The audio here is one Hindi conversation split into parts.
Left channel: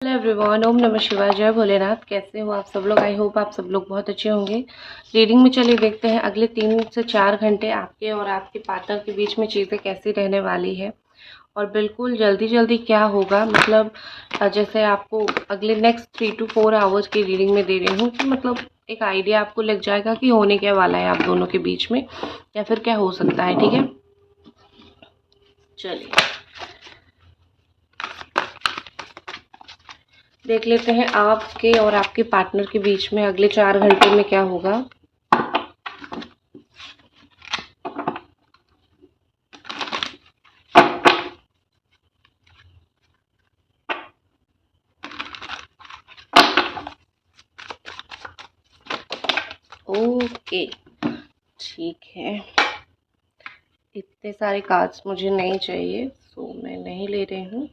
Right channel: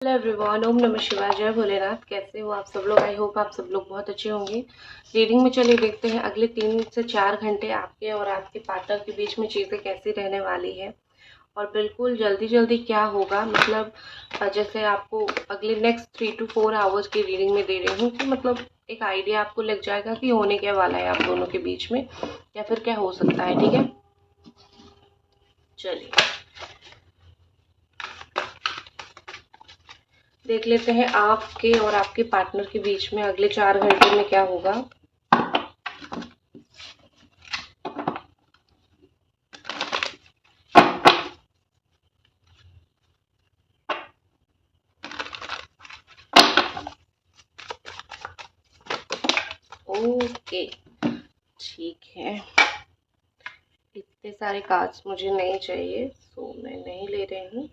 हेलो एवरीवन, ओम नमः शिवाय, जय भोलेनाथ। कैसे हो आप सब लोग? आई होप आप सब लोग बहुत अच्छे होंगे। रीडिंग में चलिए देखते हैं अगले 3 से 4 घंटे आपके और आपके पार्टनर के बीच में चीज़ें कैसी रहने वाली है और बिल्कुल जल्दी जल्दी क्या होगा। मतलब जैसे आपको अगले नेक्स्ट 3 to 4 आवर्स की रीडिंग में दे रही हूँ कि मतलब एक आइडिया आपको लग जाएगा कि होने क्या वाला है आप दोनों के बीच में या फिर क्या हो सकता है। ठीक है, चलिए देख लेते हैं आपके और आपके पार्टनर के बीच में अगले 4 घंटे में क्या होगा। ओके, ठीक है। इतने सारे कार्ड्स मुझे नहीं चाहिए, सो मैं नहीं ले रही हूँ।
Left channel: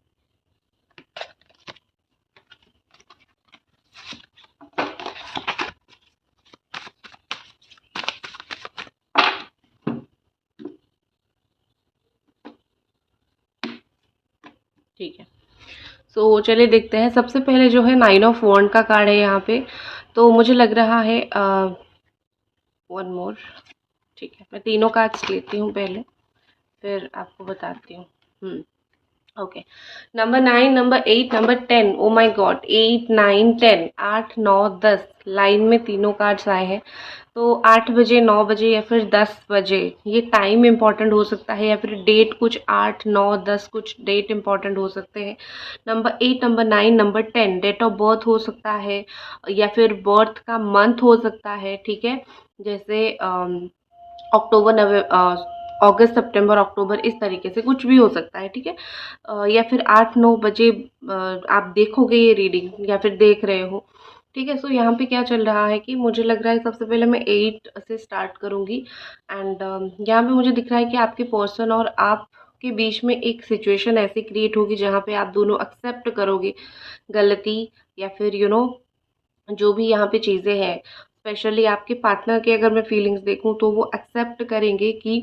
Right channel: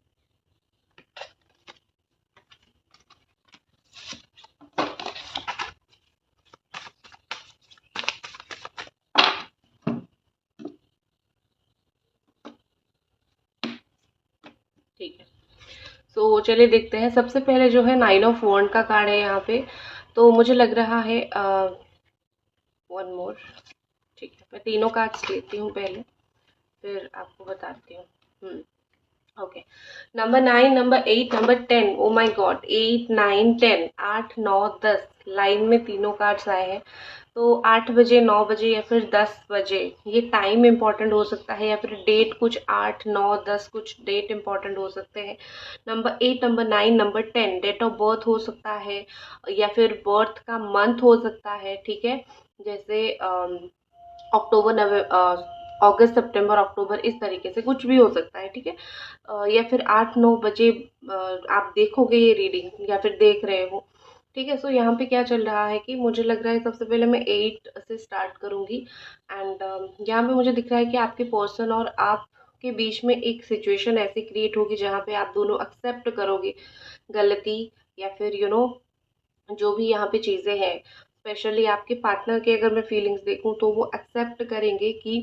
ठीक है, सो चलिए देखते हैं। सबसे पहले जो है 9 ऑफ वॉन्ड का कार्ड है यहाँ पे, तो मुझे लग रहा है वन मोर। ठीक है, मैं तीनों कार्ड्स लेती हूँ पहले, फिर आपको बताती हूँ। Okay, number 9, number 8, number 10। Oh my God, 8, 9, 10, 8, 9, 10 line में तीनों कार्ड्स आए हैं। तो 8 बजे, 9 बजे या फिर 10 बजे, ये टाइम इम्पॉर्टेंट हो सकता है या फिर डेट कुछ 8, 9, 10 कुछ डेट इम्पॉर्टेंट हो सकते हैं। Number 8, number 9, number 10 date of birth हो सकता है या फिर बर्थ का मंथ हो सकता है। ठीक है, जैसे अक्टूबर, नवंबर, अगस्त, सितंबर, अक्टूबर, इस तरीके से कुछ भी हो सकता है। ठीक है, या फिर 8-9 बजे आप देखोगे ये रीडिंग या फिर देख रहे हो। ठीक है, सो यहाँ पे क्या चल रहा है कि मुझे लग रहा है सबसे पहले मैं 8 से स्टार्ट करूँगी। एंड यहाँ पे मुझे दिख रहा है कि आपके पर्सन और आप के बीच में एक सिचुएशन ऐसी क्रिएट होगी जहाँ पे आप दोनों एक्सेप्ट करोगे गलती, या फिर जो भी यहाँ पे चीज़ें हैं। स्पेशली आपके पार्टनर के अगर मैं फीलिंग्स देखूँ तो वो एक्सेप्ट करेंगे कि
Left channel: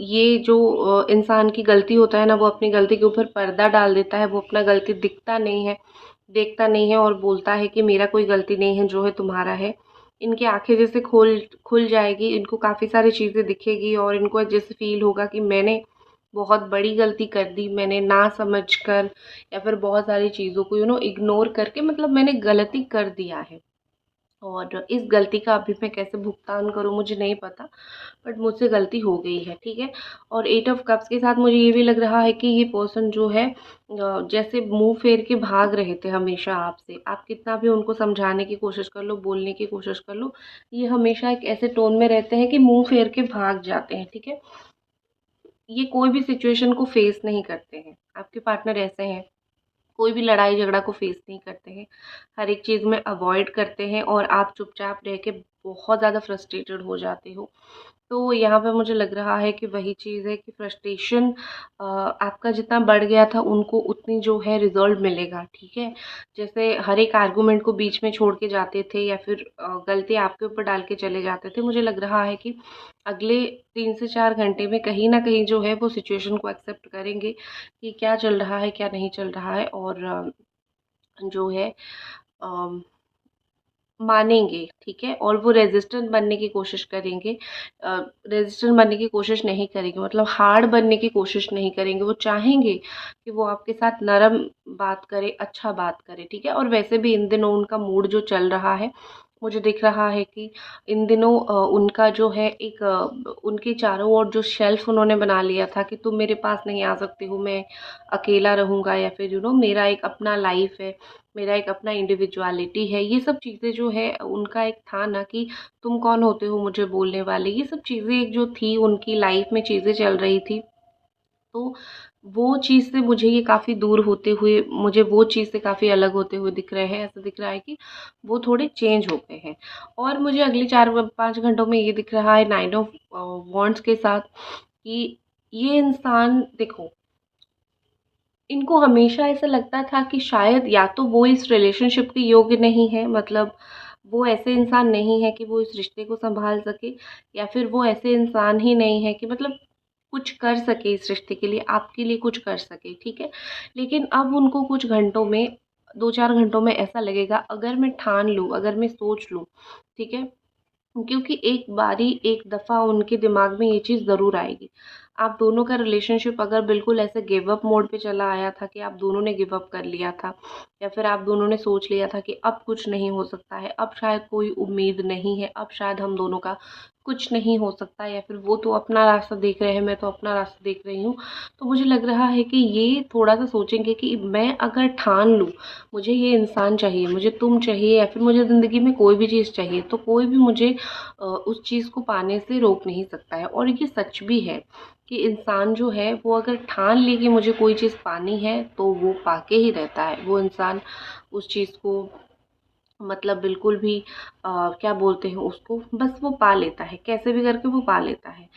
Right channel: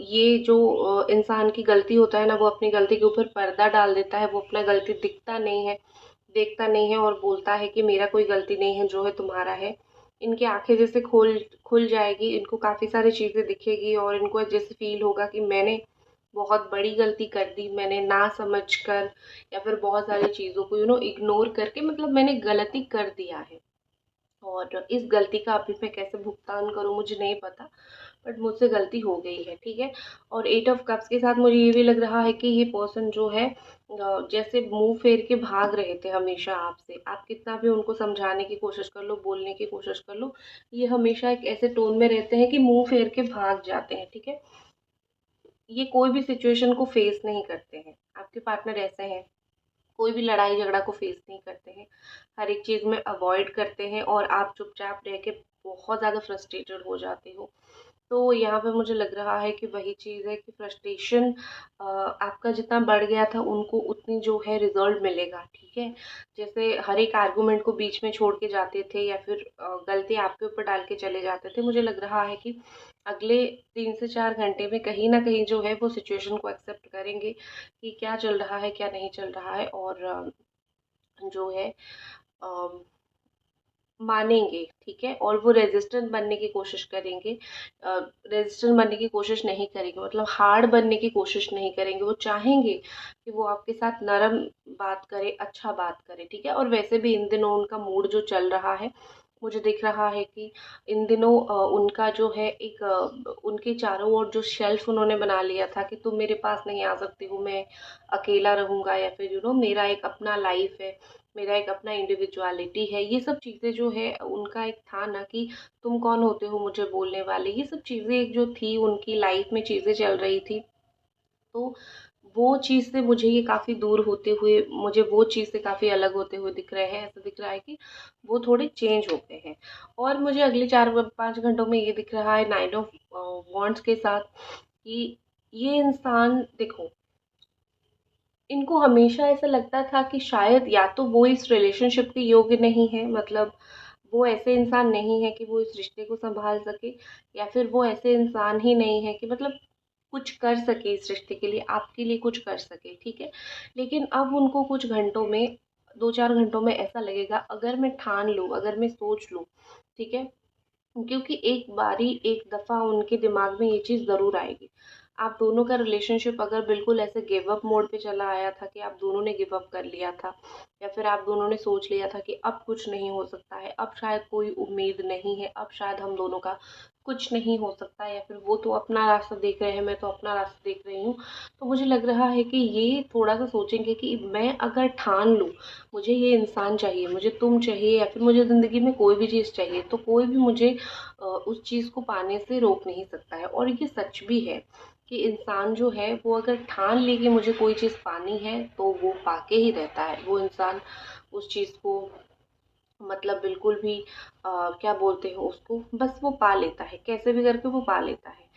ये जो इंसान की गलती होता है ना, वो अपनी गलती के ऊपर पर्दा डाल देता है। वो अपना गलती दिखता नहीं है, देखता नहीं है और बोलता है कि मेरा कोई गलती नहीं है, जो है तुम्हारा है। इनकी आंखें जैसे खोल खुल जाएगी, इनको काफ़ी सारी चीज़ें दिखेगी और इनको जैसे फील होगा कि मैंने बहुत बड़ी गलती कर दी, मैंने ना समझ कर या फिर बहुत सारी चीज़ों को इग्नोर करके मतलब मैंने गलती कर दिया है। और इस गलती का अभी मैं कैसे भुगतान करूँ मुझे नहीं पता, बट मुझसे गलती हो गई है। ठीक है, और 8 ऑफ कप्स के साथ मुझे ये भी लग रहा है कि ये पर्सन जो है जैसे मुंह फेर के भाग रहे थे हमेशा आपसे। आप कितना भी उनको समझाने की कोशिश कर लो, बोलने की कोशिश कर लो, ये हमेशा एक ऐसे टोन में रहते हैं कि मुंह फेर के भाग जाते हैं। ठीक है, ये कोई भी सिचुएशन को फेस नहीं करते हैं। आपके पार्टनर ऐसे हैं, कोई भी लड़ाई झगड़ा को फेस नहीं करते हैं, हर एक चीज़ में अवॉइड करते हैं और आप चुपचाप रह के बहुत ज़्यादा फ्रस्ट्रेटेड हो जाते हो। तो यहाँ पे मुझे लग रहा है कि वही चीज़ है कि फ्रस्ट्रेशन आपका जितना बढ़ गया था उनको उतनी जो है रिजल्ट मिलेगा। ठीक है, जैसे हर एक आर्गुमेंट को बीच में छोड़ के जाते थे या फिर गलती आपके ऊपर डाल के चले जाते थे, मुझे लग रहा है कि अगले 3 से 4 घंटे में कहीं ना कहीं जो है वो सिचुएशन को एक्सेप्ट करेंगे कि क्या चल रहा है क्या नहीं चल रहा है, और जो है मानेंगे। ठीक है, और वो रेजिस्टेंट बनने की कोशिश करेंगे, रेजिस्टेंट बनने की कोशिश नहीं करेंगे, मतलब हार्ड बनने की कोशिश नहीं करेंगे। वो चाहेंगे कि वो आपके साथ नरम बात करे, अच्छा बात करे। ठीक है, और वैसे भी इन दिनों उनका मूड जो चल रहा है, मुझे दिख रहा है कि इन दिनों उनका जो है एक उनके चारों ओर जो शेल्फ उन्होंने बना लिया था कि तुम मेरे पास नहीं आ सकते हो, मैं अकेला रहूँगा, या फिर मेरा एक अपना लाइफ है, मेरा एक अपना इंडिविजुअलिटी है। ये सब चीज़ें जो है उनका एक था ना कि तुम कौन होते हो मुझे बोलने वाले, ये सब चीज़ें एक जो थी उनकी लाइफ में चीज़ें चल रही थी। तो वो चीज़ से मुझे ये काफ़ी दूर होते हुए, मुझे वो चीज़ से काफ़ी अलग होते हुए दिख रहे हैं। ऐसा दिख रहा है कि वो थोड़े चेंज हो गए हैं। और मुझे अगले 4-5 घंटों में ये दिख रहा है 9 ऑफ वॉन्ड्स के साथ कि ये इंसान देखो, इनको हमेशा ऐसा लगता था कि शायद या तो वो इस रिलेशनशिप के योग्य नहीं है, मतलब वो ऐसे इंसान नहीं है कि वो इस रिश्ते को संभाल सके, या फिर वो ऐसे इंसान ही नहीं है कि मतलब कुछ कर सके इस रिश्ते के लिए, आपके लिए कुछ कर सके। ठीक है, लेकिन अब उनको कुछ घंटों में 2-4 घंटों में ऐसा लगेगा, अगर मैं ठान लूँ, अगर मैं सोच लूँ, ठीक है? क्योंकि एक बारी एक दफ़ा उनके दिमाग में ये चीज़ ज़रूर आएगी। आप दोनों का रिलेशनशिप अगर बिल्कुल ऐसे गिव अप मोड पे चला आया था कि आप दोनों ने गिव अप कर लिया था, या फिर आप दोनों ने सोच लिया था कि अब कुछ नहीं हो सकता है, अब शायद कोई उम्मीद नहीं है, अब शायद हम दोनों का कुछ नहीं हो सकता, या फिर वो तो अपना रास्ता देख रहे हैं, मैं तो अपना रास्ता देख रही हूँ। तो मुझे लग रहा है कि ये थोड़ा-सा सोचेंगे कि मैं अगर ठान लूँ, मुझे ये इंसान चाहिए, मुझे तुम चाहिए, या फिर मुझे ज़िंदगी में कोई भी चीज़ चाहिए, तो कोई भी मुझे उस चीज़ को पाने से रोक नहीं सकता है। और ये सच भी है कि इंसान जो है वो अगर ठान ले कि मुझे कोई चीज़ पानी है, तो वो पाके ही रहता है। वो इंसान उस चीज़ को मतलब बिल्कुल भी क्या बोलते हैं उसको, बस वो पा लेता है, कैसे भी करके वो पा लेता है।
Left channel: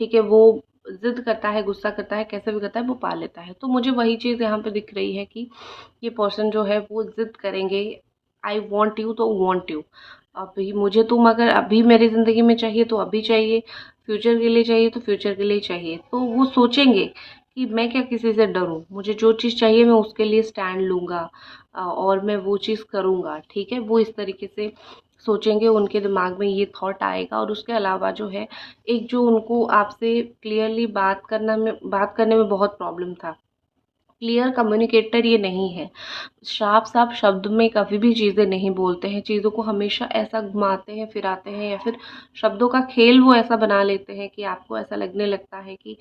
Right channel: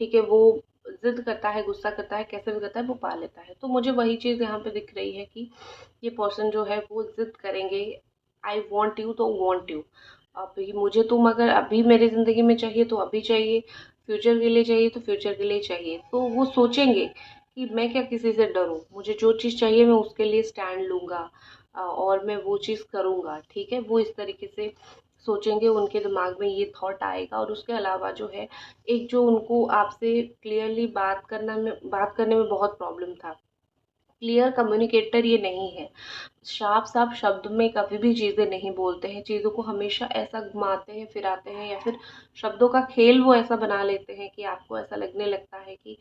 ठीक है, वो ज़िद करता है, गुस्सा करता है, कैसे भी करता है, वो पा लेता है। तो मुझे वही चीज़ यहाँ पे दिख रही है कि ये पर्सन जो है वो ज़िद करेंगे, आई वांट यू तो वांट यू। अभी मुझे तुम अगर अभी मेरी ज़िंदगी में चाहिए तो अभी चाहिए, फ्यूचर के लिए चाहिए तो फ्यूचर के लिए चाहिए। तो वो सोचेंगे कि मैं क्या किसी से डरूँ, मुझे जो चीज़ चाहिए मैं उसके लिए स्टैंड लूँगा, और मैं वो चीज़ करूँगा, ठीक है? वो इस तरीके से सोचेंगे, उनके दिमाग में ये थॉट आएगा। और उसके अलावा जो है, एक जो उनको आपसे क्लियरली बात करने में बहुत प्रॉब्लम था, क्लियर कम्युनिकेटर ये नहीं है। साफ-साफ शब्द में कभी भी चीज़ें नहीं बोलते हैं, चीज़ों को हमेशा ऐसा घुमाते हैं, फिराते हैं, या फिर शब्दों का खेल वो ऐसा बना लेते हैं कि आपको ऐसा लगने लगता है कि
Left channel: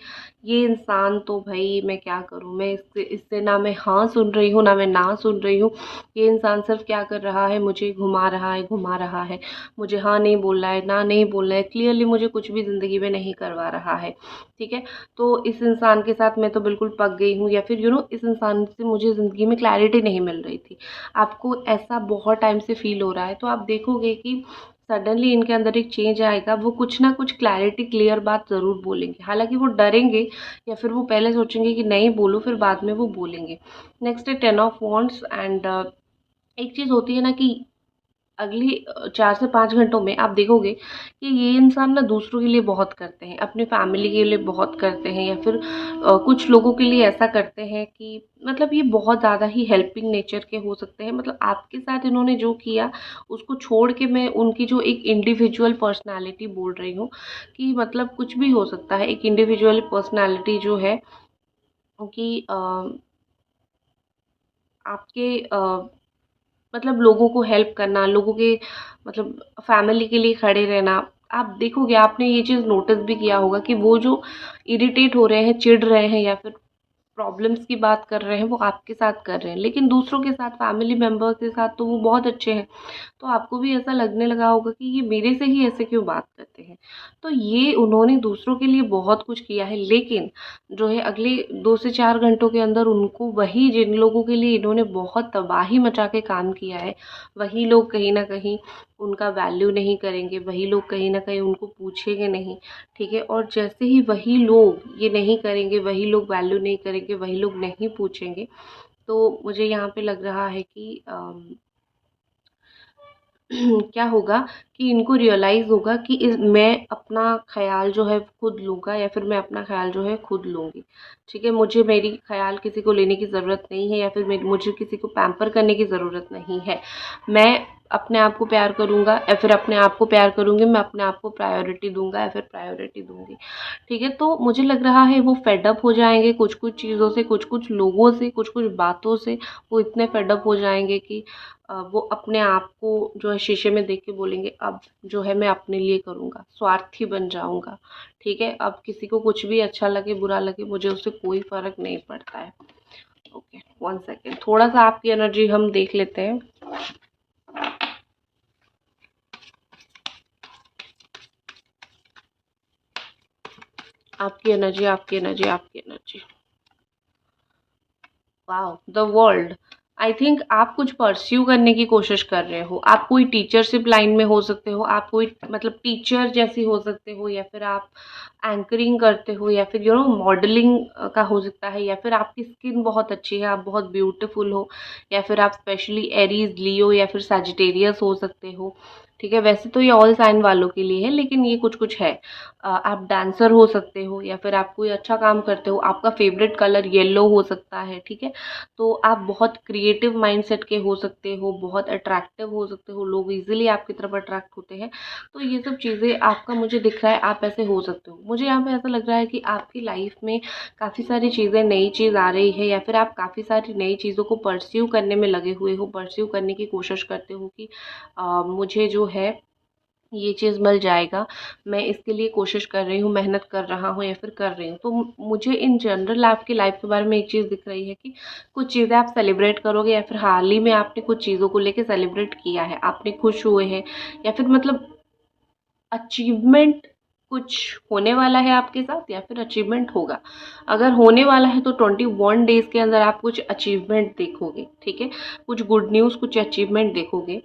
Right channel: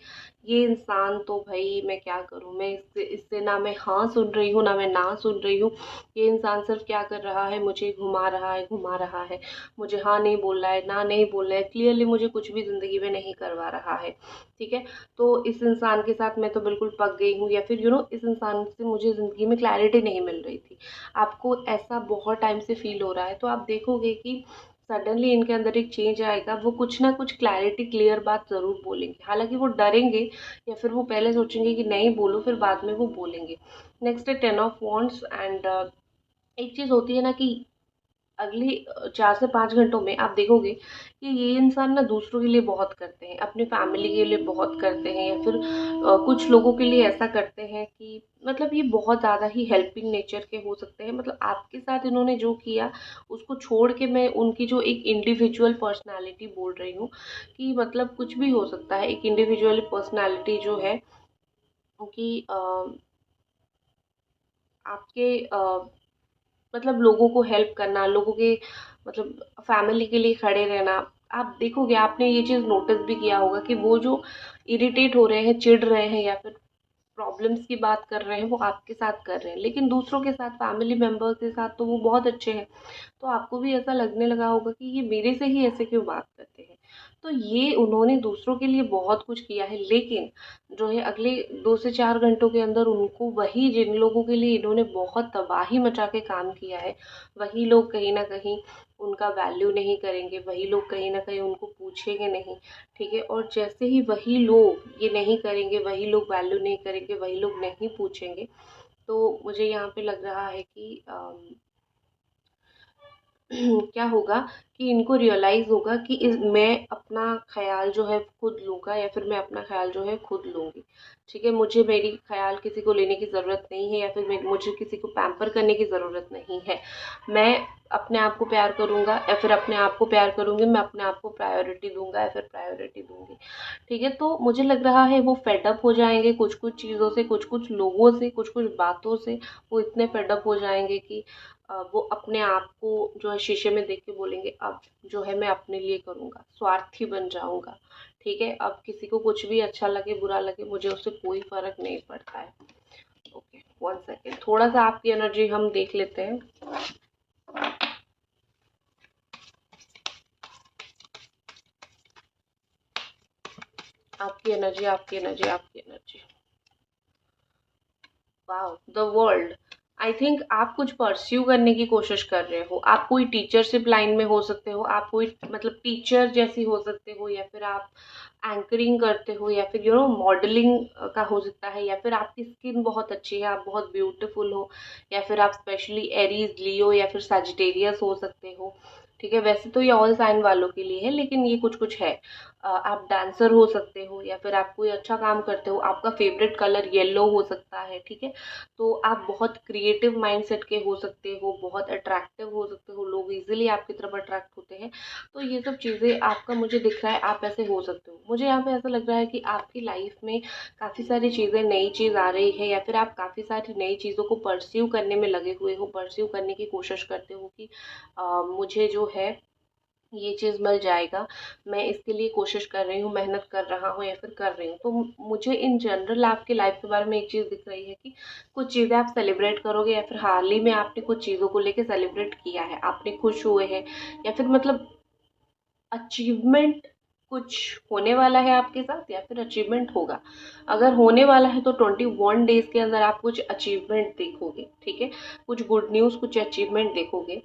ये इंसान तो भई मैं क्या करूँ? मैं इससे इससे ना मैं हाँ सुन रही हूँ, ना मैं ना सुन रही हूँ। ये इंसान सिर्फ़ क्या कर रहा है, मुझे घुमा रहा है, घुमा रहा है। मुझे हाँ नहीं बोलना है, ना नहीं बोलना है, क्लियरली मुझे कुछ भी ज़िंदगी में नहीं करवा रहा है, ठीक है? तो इस इंसान के साथ मैं तो बिल्कुल पक गई हूँ, या फिर इस इंसान से मुझे ज़िंदगी में क्लैरिटी नहीं मिल रही थी। आपको ऐसा बहुत टाइम से फ़ील हो रहा है, तो आप देखोगे कि सडनली इनके अंदर एक चेंज आएगा, वो कुछ ना कुछ क्लैरिटी क्लियर बात ज़रूर बोलेंगे। हालाँकि वो डरेंगे, या फिर वो पहले सोचेंगे कि नहीं बोलूँ, फिर बाद में वो बोलेंगे। नेक्स्ट है 10 ऑफ वांड्स एंड एक चीज़ होती है ना कि अगली 4 से 5 घंटों में आप देखोगे कि ये इंसान ना दूसरों के लिए बहुत करते हैं, अपनी फैमिली के लिए बहुत करते हैं, या फिर कुछ लोगों के लिए ऐसा करते हैं कि मतलब ये बहुत ज़्यादा ही हेल्पिंग नेचर के हो सकते हैं। मतलब आपके साथ इन्होंने जो किया, उसको छोड़ के मैं उनकी जो एक इंडिविजुअल पर्सनैलिटी बोल रही हूँ, कि मतलब कुछ भी हो सकता है। एक इंडिविजुअल पर्सनैलिटी जो है कि आपके मतलब लोगों को हेल्प करना, लोगों के मतलब फैमिली के लिए खड़े रहना। आप देखोगे, आपने ये चीज़ नोटिस भी किया होगा कि वो जो इरिटेट हो रहे हैं, चिढ़ रहे हैं, या फिर प्रॉब्लम्स की बात कर रहे हैं, वो आपके साथ कर रहे हैं, लेकिन दूसरों के साथ, फैमिली मेंबर्स के साथ तो वो बहुत अच्छे हैं। तो आपको भी ऐसा लगने लगा होगा कि ये मेरे से ही ऐसे क्यों बात करते हैं। तो ये उन्होंने दूसरों के लिए बहुत कुछ किया है, लेकिन जो है अगले 2 से 4 घंटों के अंदर उनको वही जिन लोगों के लिए इन्होंने बहुत तबाही मचा के काम किया है, वही लोग कहीं न कहीं उनका वैल्यू नहीं करेंगे, वही लोग कहीं न कहीं उनको पूछेंगे नहीं, ठीक है? और जैसे ही वही लोग ये नहीं करेंगे, वही लोग वैल्यू नहीं करेंगे, वही लोग नहीं पूछेंगे, तो मुझे यहाँ पे लग रहा है कि क्या होगा कि इनको रियलाइज़ होगा कि मैं अपना ख़्याल जो है खुद लूँगा, या फिर मैं अपना ख़्याल जो है खुद लूँगी। ठीक है? मुझे मेरी ख़्याल किसी को लेने की ज़रूरत नहीं है, या फिर मुझे किसी को पैम्पर करने की ज़रूरत नहीं है। मैं अपने आप को प्यार करूँगा, या फिर अपने आप को प्यार करूँगी, मैं अपने आप को प्रायोरिटी दूँगा, या फिर प्रायोरिटी दूँगी। ठीक है? तो मुझे लग रहा है वो फेड अप हो जाएँगे कुछ-कुछ चीज़ों से, कुछ-कुछ लोगों से, कुछ-कुछ बातों से। वो इतने फेड अप हो जाएँगे कि वो अपने आप को जो है शीशे में देख के बोलेंगे, अब जो है मैं अपने लिए करूँगा, स्वार्थी बन जाऊँगा, ठीक है? अब किसी को कुछ भी अच्छा लगे, बुरा लगे, मुझे उससे कोई फ़र्क नहीं पड़ता है। ओके, 1 सेकंड, थोड़ा-सा आपकी एनर्जी हम देख लेते हैं। आपकी एनर्जी, आपकी एनर्जी, आपकी energy. Wow! The world. I think आप कुछ परस्यू करने की कोशिश कर रहे हो। आप कोई टीचरशिप लाइन में हो सकते हो, आप कोई मतलब टीचर जैसी हो सकते हो, या फिर आप एंकरिंग करते हो, या फिर मॉडलिंग का हो सकता है, या फिर आपकी स्किन बहुत अच्छी है, आप बहुत ब्यूटीफुल हो, या फिर आप स्पेशली एरीज़, लियो, या फिर सजिटेरियस हो सकते हो। ठीक है? वैसे तो ये ऑल साइन वालों के लिए है, लेकिन ये कुछ-कुछ है। आप डांसर हो सकते हो या फिर आप कोई अच्छा काम करते हो, आपका फेवरेट कलर येलो हो सकता है, ठीक है। तो आप बहुत क्रिएटिव माइंडसेट के हो सकते हो, बहुत अट्रैक्टिव हो सकते हो, लोग इजीली आपकी तरफ अट्रैक्ट होते हैं। तो ये सब चीज़ें आपका मुझे दिख रहा है, आप ऐसे हो सकते हो। मुझे यहाँ पे ऐसा लग रहा है कि आपकी लाइफ में काफ़ी सारी चीज़ें, नई चीज़ आ रही है या फिर आप काफ़ी सारी नई चीज़ों को परस्यू करने में लगे हुए हो, परस्यू करने की कोशिश करते हो कि मुझे जो है ये चीज़ मिल जाएगा, मैं इसके लिए कोशिश कर रही हूँ, मेहनत कर रहा हूँ या फिर कर रही हूँ। तो मुझे इन जनरल आपकी लाइफ के बारे में एक चीज़ दिख रही है कि कुछ चीज़ें आप सेलिब्रेट करोगे या फिर हाल ही में आपने कुछ चीज़ों को लेके सेलिब्रेट किया है, आपने खुश हुए हैं या फिर मतलब अचीवमेंट कुछ होने वाला है आपके साथ या फिर अचीवमेंट होगा। अगर होने वाला है तो 21 डेज़ के अंदर आप कुछ अचीवमेंट देखोगे, ठीक है? कुछ गुड न्यूज़, कुछ अचीवमेंट देखोगे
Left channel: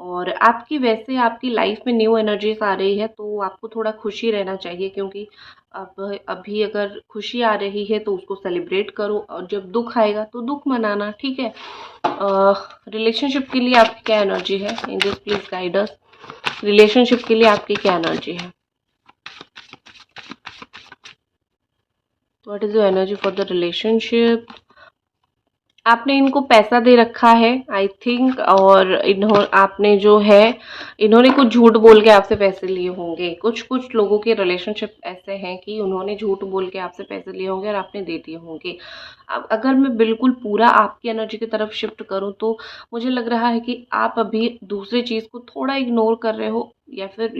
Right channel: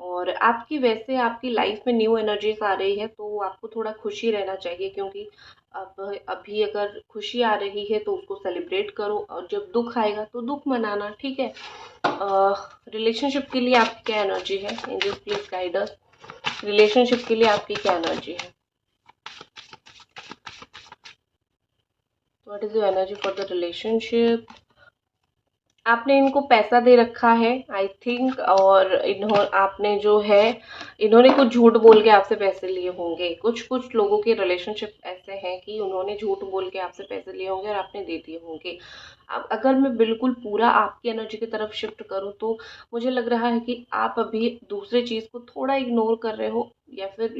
और आपकी वैसे आपकी लाइफ में न्यू एनर्जीज आ रही है तो आपको थोड़ा खुशी रहना चाहिए क्योंकि अब अभी अगर खुशी आ रही है तो उसको सेलिब्रेट करो और जब दुख आएगा तो दुख मनाना, ठीक है? रिलेशनशिप के लिए आपकी क्या एनर्जी है? Angels please guide us. Relationship के लिए आपकी क्या एनर्जी है? What is your energy for the relationship? आपने इनको पैसा दे रखा है आई थिंक, और आपने जो है इन्होंने कुछ झूठ बोल के आपसे पैसे लिए होंगे। कुछ कुछ लोगों के रिलेशनशिप ऐसे हैं कि उन्होंने झूठ बोल के आपसे पैसे लिए होंगे और आपने दे दिए होंगे। अब अगर मैं बिल्कुल पूरा आपकी एनर्जी की तरफ शिफ्ट करूं तो मुझे लग रहा है कि आप अभी दूसरे चीज़ को थोड़ा इग्नोर कर रहे हो या फिर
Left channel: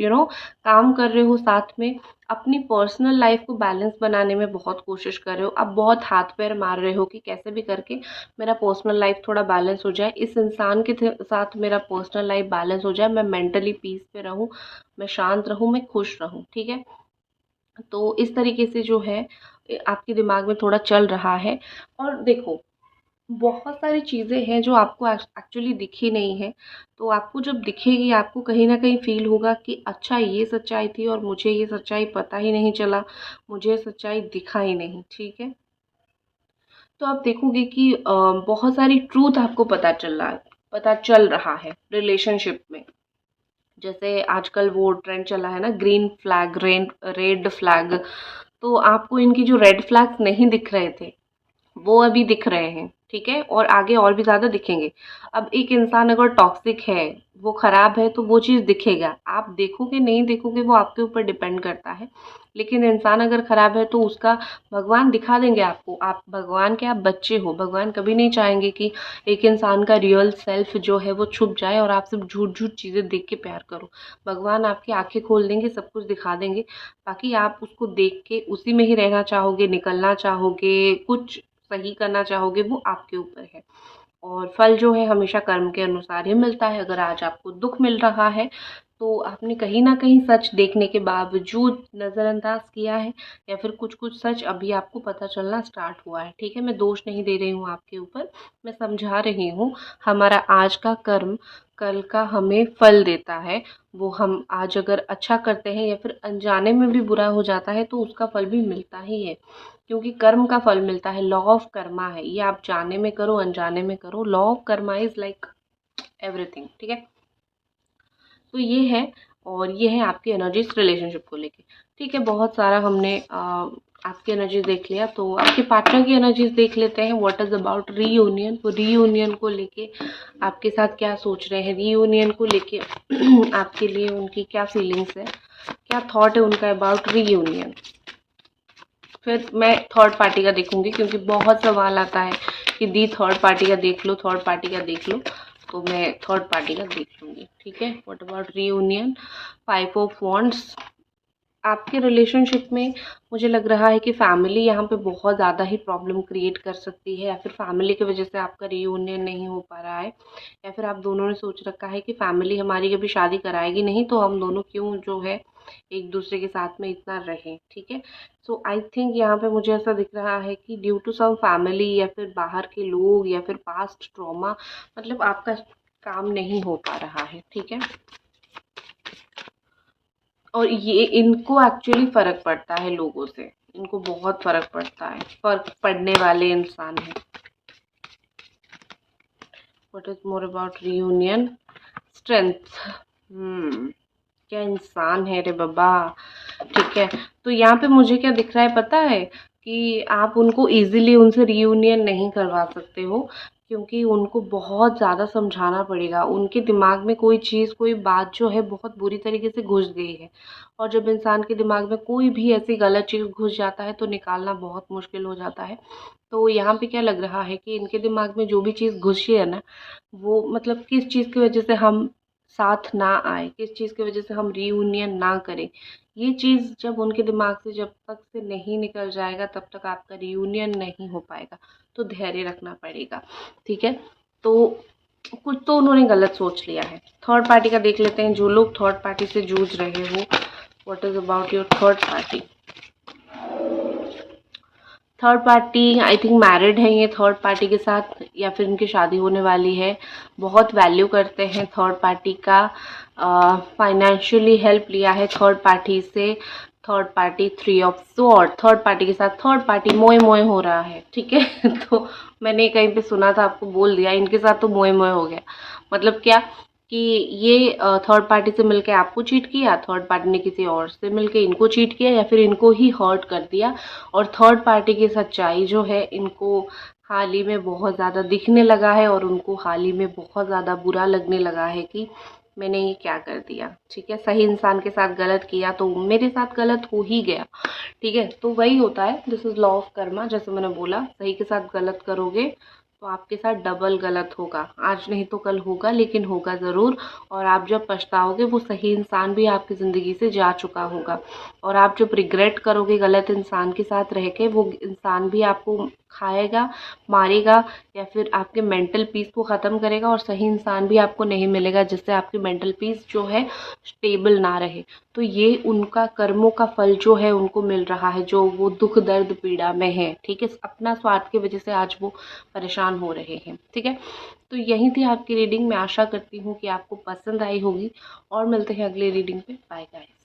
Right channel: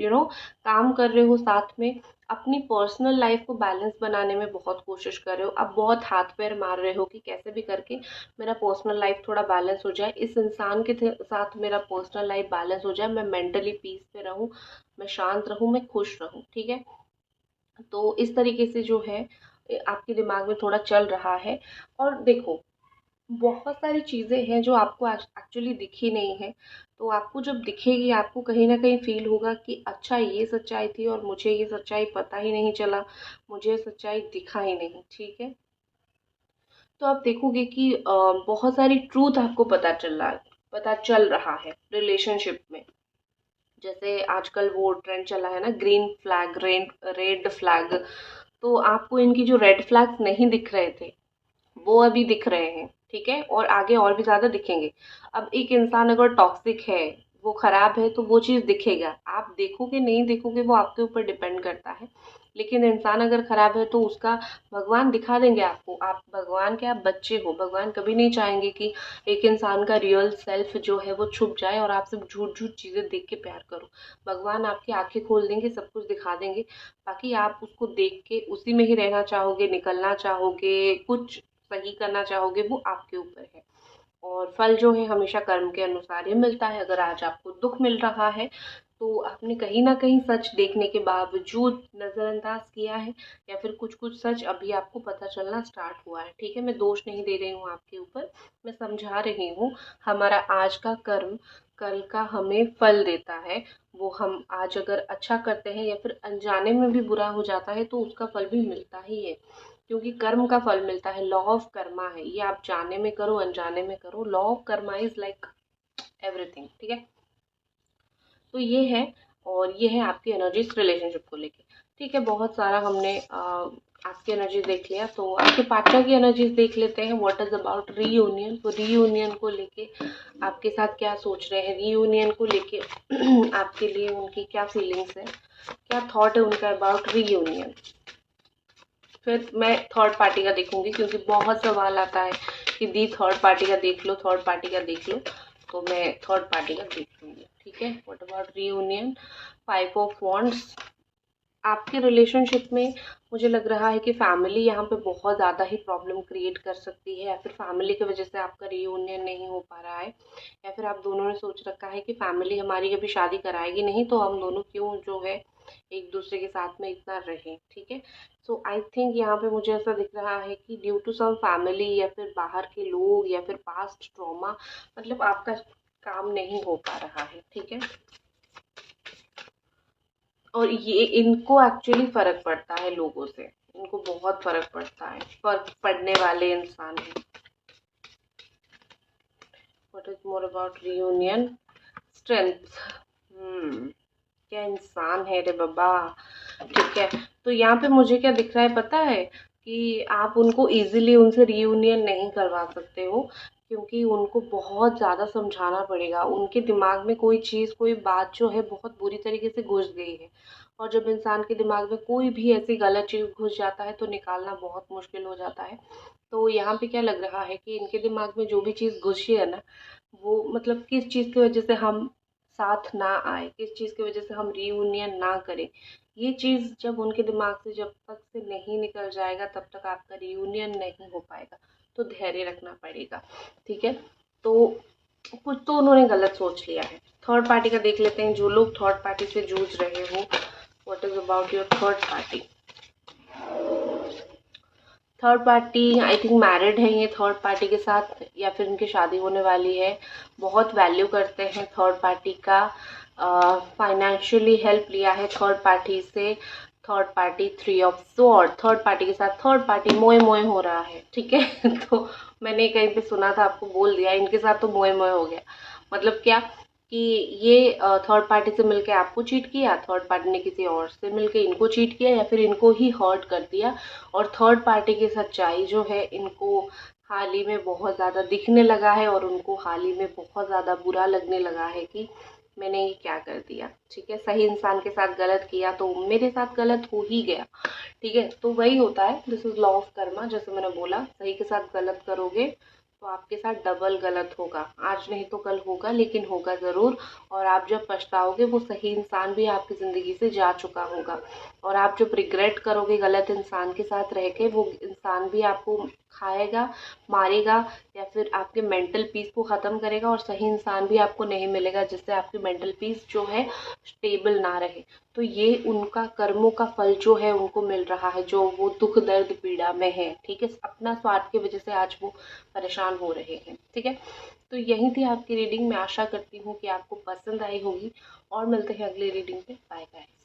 काम कर रहे हो साथ में। अपनी पर्सनल लाइफ को बैलेंस बनाने में बहुत कोशिश कर रहे हो, आप बहुत हाथ पैर मार रहे हो कि कैसे भी करके मेरा पर्सनल लाइफ थोड़ा बैलेंस हो जाए, इस इंसान के साथ मेरा पर्सनल लाइफ बैलेंस हो जाए, मैं मेंटली पीस पे रहूं, मैं शांत रहूं, मैं खुश रहूं, ठीक है। तो इस तरीके से जो है आपके दिमाग में थोड़ा चल रहा है। और देखो, बहुत सारी चीज़ें हैं जो आपको एक्चुअली दिखी नहीं है, तो आपको जब दिखेगी आपको कहीं ना कहीं फील होगा कि अच्छा ये सच्चाई थी और मुझे ये सच्चाई पता ही नहीं चला, मुझे सच्चाई दिखा ही नहीं, ठीक है। तो आप देखोगे कि बहुत सारी ट्रूथ आपको पता चल रहा है रिलेशनशिप में। जैसे आजकल वो ट्रेंड चला है ना, ग्रीन फ्लैग, रेड फ्लैग। तो आपको इनकी जो रेड फ्लैग्स नहीं दिख रहे थे वो अभी दिख रहे हैं, ठीक है, और आगे और भी ज़्यादा दिखेंगे। अब एक इंसान अगर टॉक्सिक है, वो खराब है, तो वो चीज़ दिखेगा, आप देखोगे नहीं देखोगे वो आपके ऊपर डिपेंड करता है। लेकिन इंसान अगर खराब है तो उसका भगवान दिखा देंगे आपको। आप भगवान के आप बच्चे हो, भगवान कभी नहीं चाहेंगे कि एक इंसान का रियल सेल्फ जो है वो छुप जाए और आप सिर्फ झूठ झूठ चीज़ें देख के प्यार करो। भगवान आपकी आंखें खोल देंगे, सब कुछ दिखा देंगे, बाकी आप उसको देख के उसी में ही रहना चाहोगे, निकलना चाहोगे, कुछ सही करना चाहोगे, वो आपके ऊपर है। और फल जो है हमेशा कर्म के अनुसार ही मिलता है। अगर आज आपको दुख मिल रहा है तो आपने कहीं ना कहीं सच देखने के बावजूद नज़रअंदाज किया है या फिर कुछ कुछ सच अभी आपको पता चलना स्टार्ट हुआ है, ठीक है। मैं दोष नहीं दे रही हूँ आपके ऊपर, मैं समझा रही हूँ। हमारा आज का कर्म कल का हमें फल देता है। वो हम आज अगर अच्छा करते हैं या फिर अनजाने में भी बुरा हो जाता है तो उसका फल भी मिलता ही है, क्योंकि कर्म का फल मिलता है। लॉ ऑफ कर्मा है ये, आप जाने में करो अनजाने में करो, law of Karma is like everything, ठीक है। तो ये है, और ये है आपकी एनर्जीज रिलेशनशिप को लेके, ठीक है। बहुत सारा हमने आपकी एनर्जीज देख लिया, तो आपके पार्टनर की एनर्जीज देख लेते हैं। व्हाट इज अबाउट रीयूनियन, तो रीयूनियन को लेके आपके साथ क्या सोच रहे हैं, रीयूनियन को लेके आपके लिए उनकी क्या फीलिंग्स है, क्या थॉट है उनका अबाउट रीयूनियन। फिर मैं थर्ड पार्टी का देखूंगी क्योंकि बहुत सवाल आता है कि दी थर्ड पार्टी का देख लो, थर्ड पार्टी का देख लो, तो मैं थर्ड पार्टी का देख लूंगी, ठीक है। What about reunion, 5 of wands. आपके रिलेशनशिप में मुझे लग रहा है कि फैमिली यहाँ पे बहुत ज़्यादा ही प्रॉब्लम क्रिएट कर सकती है, या फिर फैमिली की वजह से आपका रीयूनियन नहीं हो पा रहा है, या फिर आप दोनों ने सोच रखा है कि फैमिली हमारी कभी शादी कराएगी नहीं तो हम दोनों क्यों जो है एक दूसरे के साथ में इतना रहें, ठीक है। सो आई थिंक यहाँ पे मुझे ऐसा दिख रहा है कि ड्यू टू सम फैमिली या फिर बाहर के लोग या फिर पास्ट ट्रॉमा, मतलब आपका काम नहीं हो पा रहा है, ठीक है। और ये इनको एक्चुअली फ़र्क पड़ता है लोगों से, इनको बहुत फ़र्क पड़ता है, फ़र्क पड़ने वाले इंसान हैं। What is more about reunion, strength. क्या इंसान है रे बाबा। ठीक है। तो यहाँ पे मुझे क्या दिख रहा है पता है, कि आप उनको इजीली उनसे रीयूनियन नहीं करवा सकते हो, क्योंकि उनको बहुत ज़्यादा समझाना पड़ेगा। उनके दिमाग में कोई चीज़, कोई बात जो है बहुत बुरी तरीके से घुस गई है, और जब इंसान के दिमाग में कोई भी ऐसी गलत चीज़ घुस जाता है तो निकालना बहुत मुश्किल हो जाता है। तो यहाँ पे क्या लग रहा है कि इनके दिमाग में जो भी चीज़ घुसी है ना, वो मतलब किस चीज़ की वजह से हम साथ ना आए, किस चीज़ की वजह से हम रीयूनियन ना करें, ये चीज़ जब उनके दिमाग से जब तक से नहीं निकल जाएगा तब तक आपका रियूनियन नहीं हो पाएगा। तो धैर्य रखना पड़ेगा, ठीक है। तो कुछ तो उन्होंने गलत सोच लिया है। थर्ड पार्टी का देख लेते हैं। जो लोग थर्ड पार्टी से जूझ रहे हो, what is about your third party. Third party I think married है ये थर्ड पार्टी के साथ, या फिर इनकी शादी होने वाली है। बहुत वैल्यू करते हैं थर्ड पार्टी का। फाइनेंशियली हेल्प लिया है थर्ड पार्टी से। Third party 3 of sword, third party के साथ थर्ड पार्टी मोए मोए हो रहा है, ठीक है। तो मैंने कहीं पे सुना था, आपको बोल दिया, इनके साथ तो मोए मोए हो गया। मतलब क्या कि ये थर्ड पार्टी से मिलके आपको चीट किया, थर्ड पार्टी ने किसी और से मिलके इनको चीट किया, या फिर इनको ही हर्ट कर दिया। और थर्ड पार्टी की सच्चाई जो है इनको हाल ही में बहुत ज़्यादा दिखने लगा है, और उनको हाल ही में बहुत ज़्यादा बुरा लगने लगा है कि मैंने ये क्या कर दिया, ठीक है। सही इंसान के साथ गलत किया तो मेरे साथ गलत हो ही गया, ठीक है। तो वही होता है, this is law of Karma. जैसे मैंने बोला, सही के साथ गलत करोगे तो आपके साथ डबल गलत होगा। आज नहीं तो कल होगा, लेकिन होगा ज़रूर। और आप जब पछताओगे, वो सही इंसान भी आपकी ज़िंदगी से जा चुका होगा। और आप जब रिग्रेट करोगे गलत इंसान के साथ रह के, वो इंसान भी आपको खाएगा, मारेगा, या फिर आपके मेंटल पीस को ख़त्म करेगा। और सही इंसान भी आपको नहीं मिलेगा जिससे आपकी मेंटल पीस जो है स्टेबल ना रहे। तो ये उनका कर्मों का फल जो है उनको मिल रहा है, जो वो दुख दर्द पीड़ा में है, ठीक है। अपना स्वार्थ की वजह से आज वो परेशान हो रहे हैं, ठीक है। तो यही थी आपकी रीडिंग। मैं आशा करती हूँ कि आपको पसंद आई होगी, और मिलते हैं अगली रीडिंग पे। Bye guys.